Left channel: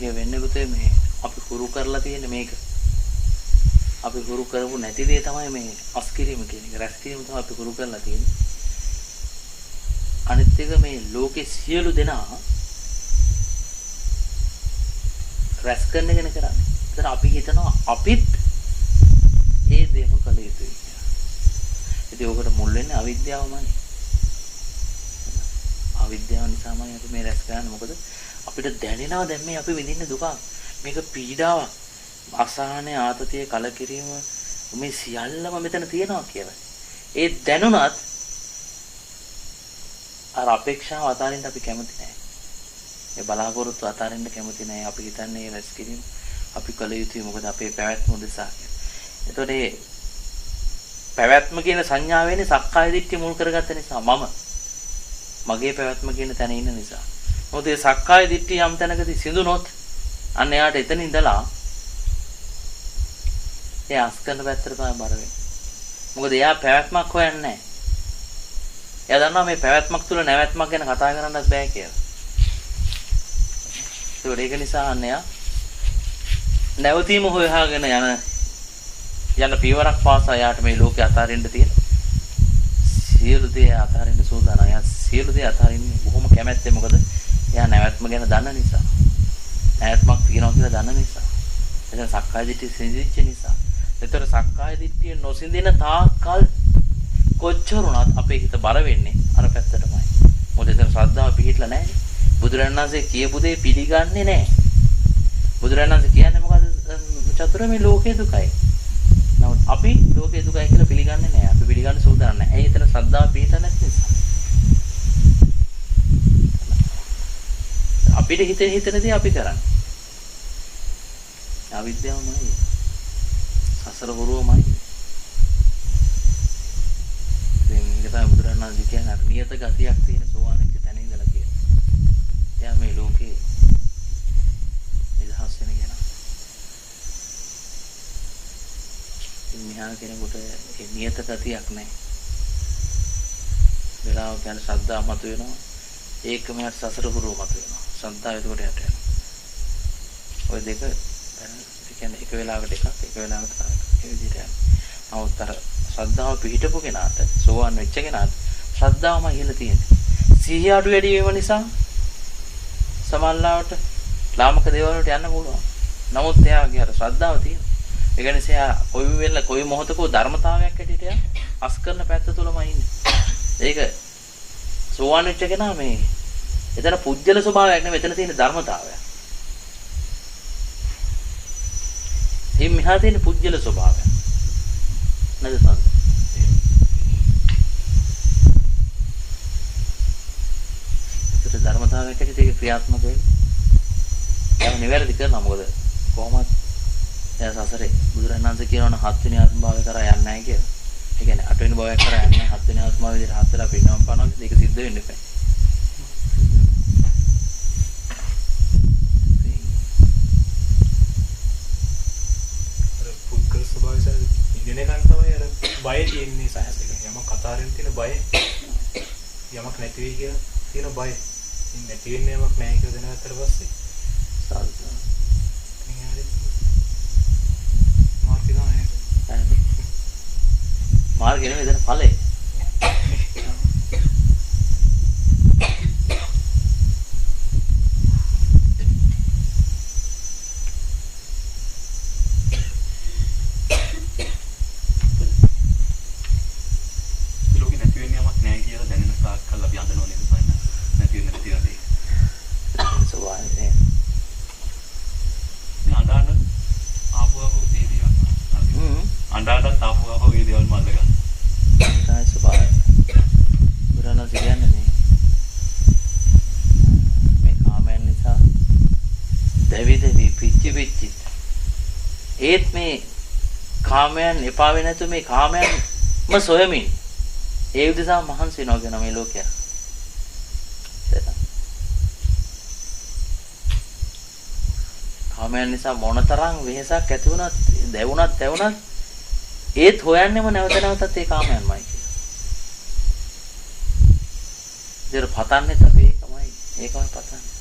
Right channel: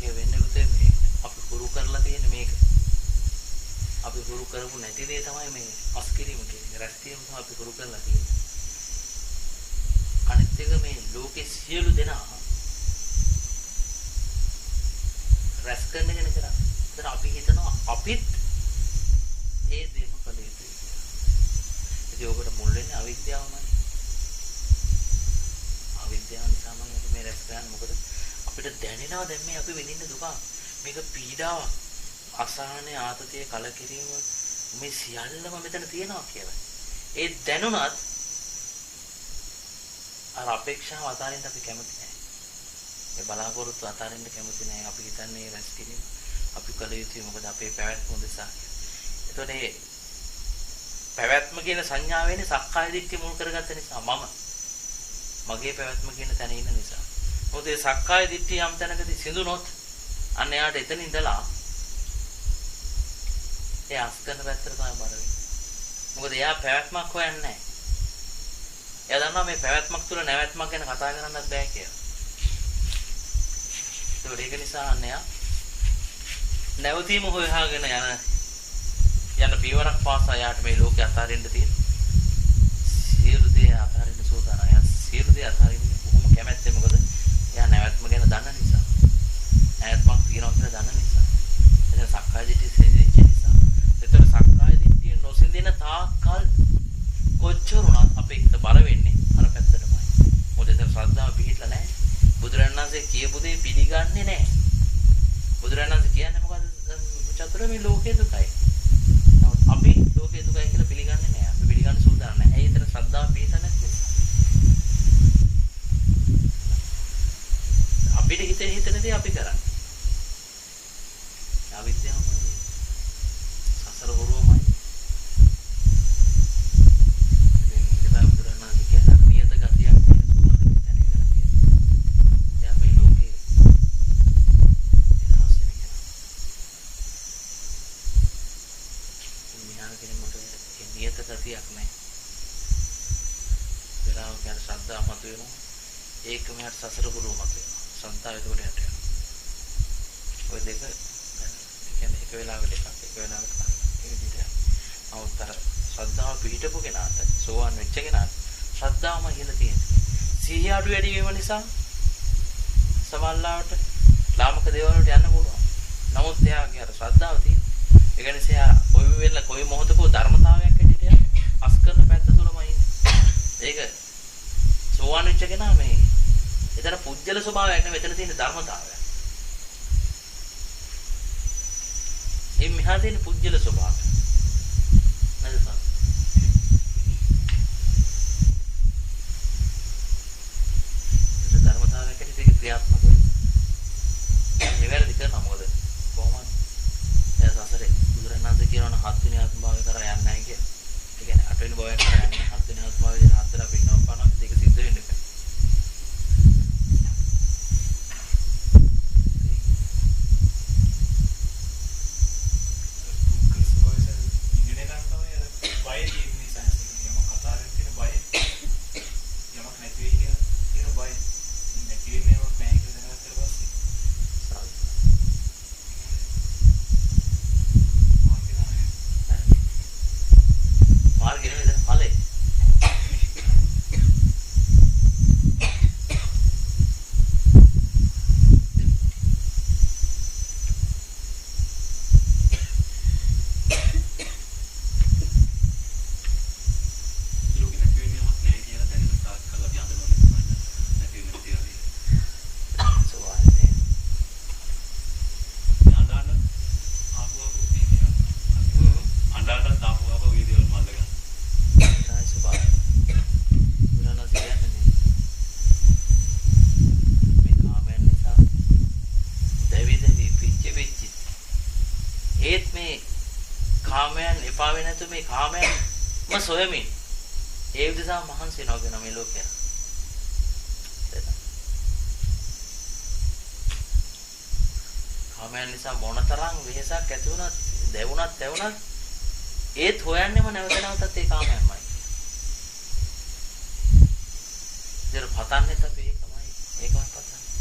ඒක වෙන්නේ පුතේ මේ අපි හුරු කරලා තියෙන මේක. අපි හුරු කරපු නැති දේ තමයි මේ අස්කිරීම කියන එක. රැස් කිරීම තමයි අපි හුරු කරලා තියෙන්නේ. අනිත් එක මේ ලෝකේ සියලු දෙනා රැස් කරන එක නේ කරන්නේ. ඒතර අපි හිතනවා අපිත් ඒ දේම කළ යුතුයි කියලා. ඉතින් ඔකට මුල් වෙන්නේ අවිද්‍යාවමයි. අවිද්‍යාව නිසාමයි අපි මේ රැස් කරන්නේ. මොකද අපිට දැනෙනවා දැන් මේ අපි විඳින්න දුක. මේක පීඩාවක්. අසහනය, ආතතිය, කලකිරීම මේ සියල්ලම මෙතන තියෙනවා කියලා. ඒ දැනුණත් අර අපේක්ෂාව අතාරින්න අපි කැමති නැහැ. ඒ බලාපොරොත්තු අතාරින්න කැමති නැහැ. අපි හිතන්නේ රැස් කිරීම අපි කළ යුතුයි මොකද අපේ පැවැත්ම උදෙසා කියලා. එතකොට මේ පැවැත්ම කියන සංඥාව වෙන්නේ සක්කාය දිට්ඨිය මුල් කරගත්ත නිසා මගේ පැවැත්ම කියන තැන ඉන්න නිසා. මොකද මේ සක්කාය දිට්ඨිය යම් තැනකදී සිඳුනොත් අන්න එයාට එතන ඉඳලා ඒ අස්කරන පැත්තට තමයි බර වෙන්නේ. මොකද එයා පැවැත්මක් හොයන්නේ නැහැ. එයා දන්නවා මේ පැවැත්මක් තුල නැවැත්මක් ගැන කතා කරන්නත් බෑ කියලා. ඒක නිසා අන්න එයා නැවතීම හොයාගෙන යන පියවරක් පාසා යාට මේ ලෝකේ අතාරින්න තියෙන සියලු දේ අතාරින්න සූදානම්. එයා සියලු දේ අතාරින්නේ බොහොම කැමැත්තෙන්. මොකද එයා නැවැත්ම ගැන දන්න නිසා. නැවැත්මක් තියෙනවා කියලා දන්න නිසා. එතන සක්කාය දිට්ඨිය සිඳිච්ච නිසා. ඒතර සක්කාය දිට්ඨිය නොසිඳින තාක්කල් කොච්චර උනත් අපේ හිත බර වෙන්නේ අර පැත්තටමයි. මොකද එතන ශ්‍රද්ධාව පිහිටලා නැහැ. බුදුරජාණන් වහන්සේ කියපු දේ පිළිගන්නේ නැහැ. බුදුරජාණන් වහන්සේ කියන්නේ මොකද? චතුර මේ ලෝකේ දුකයි. නමුත් අපි ලෝකේ දුකයි කියලා පිළිගන්නේ නැහැ. අපි පිළිගන්න සූදානම් නැහැ. ඇයි එතන ශ්‍රද්ධාව පිහිටලා නැති නිසා. අපිට හිතෙන දේ අපි කරන්නේ. අවිද්‍යාවමයි. සසර හොරුවමයි. මේක තමයි බුදුරජාණන් වහන්සේ කියන්නේ නියත ගතියක් තියෙන සෝවාන් වෙච්ච තැන ඉඳලා තියෙනවා. එයා මේ ලෝකේ නිදහස් වෙන කෙනා. මෙහා කෙනෙකුට ඒ නියත ගතියක් නැහැ. වෙලාවක යන ශ්‍රද්ධාව මත වෙනවා. ඒකම යට සසර හොරුව මත වෙනවා. ශ්‍රද්ධාව එතකොට යට යනවා. ওই දෙක කියන්නේ එක වෙලාවකට එකක් එක වෙලාවකට තව එකක්. ඒ විදිහට යනවා. නමුත් අර ශ්‍රද්ධාව පිහිටපු කෙනාට සෝවාන් වෙච්ච කෙනාට ශ්‍රද්ධාවම ඉහළ තියෙන්නේ. සිහිය අඩු වැඩි වීම නිසා සමල්ලාවට ලාමක දේවල් වලට යන්න පුළුවන්. නමුත් එයාගේ අර ශ්‍රද්ධාව තියෙනවා. ඒ කියන්නේ එයා කොයි මොහොතකෝ ධර්මතාවයක් ඇටියට යන අස් කරන පැත්ත තුලමයි ඉන්නේ. ඒක සෝවාන් වෙච්ච කෙනා මේ එතන පුජ්‍යල ස්වභාවයක් නෙමෙයි එතන තියෙන ධර්මතාවයක්. මේ මෙහා තියෙන පුජ්‍යල ස්වභාවය. නේද සංස? ඒක ධර්මතාවයක් ඇටියට ඒක ක්‍රියාත්මක වෙන්නේ. ඒක නිවැරදි කරනවා මොකද කොහොමද එයා සසරේ බුදුරජාණන් වහන්සේ කියනවා 7 වෙනි ආත්ම භාවය කරා යන්නේ නැහැ කියලා. ඒ කියන්නේ 8 වෙනි භවයක් කරා යන්නේ 7 වෙනි ආත්ම භාවය විදිහට 7 වෙලා පින්නම් පානවා ඒක සිද්ධ වෙන්නේ නැහැ. බය තියෙන්නේ සහසක. යමක් කතාවෙන් තියෙන බය. යමක් නැති වෙයි කියලා තියෙන බය. නැති වෙන්නේ යමක් නැහැ කියලා දැනගත්තට පස්සේ සාර්ථක. මාර්ගය නෙමෙයි එතන ඵලය. ඒත් මේ කාමයන් එපා වෙන්නේ නැතු මේ කාමයන්ම සොයමින් ඒ විදිහට මහන්සි වෙනවා කියන මේ ලෝකය. කාමයන් නිසා මොනතරම් වෙහසක් ඇති වුණත් දැවුණත් ඒත් හොයන්නෙම නැවත නැවතත් ඒ කාමයන්මයි කියලා. පතන්නේත් අපි ඒකමයි පතන්නේ.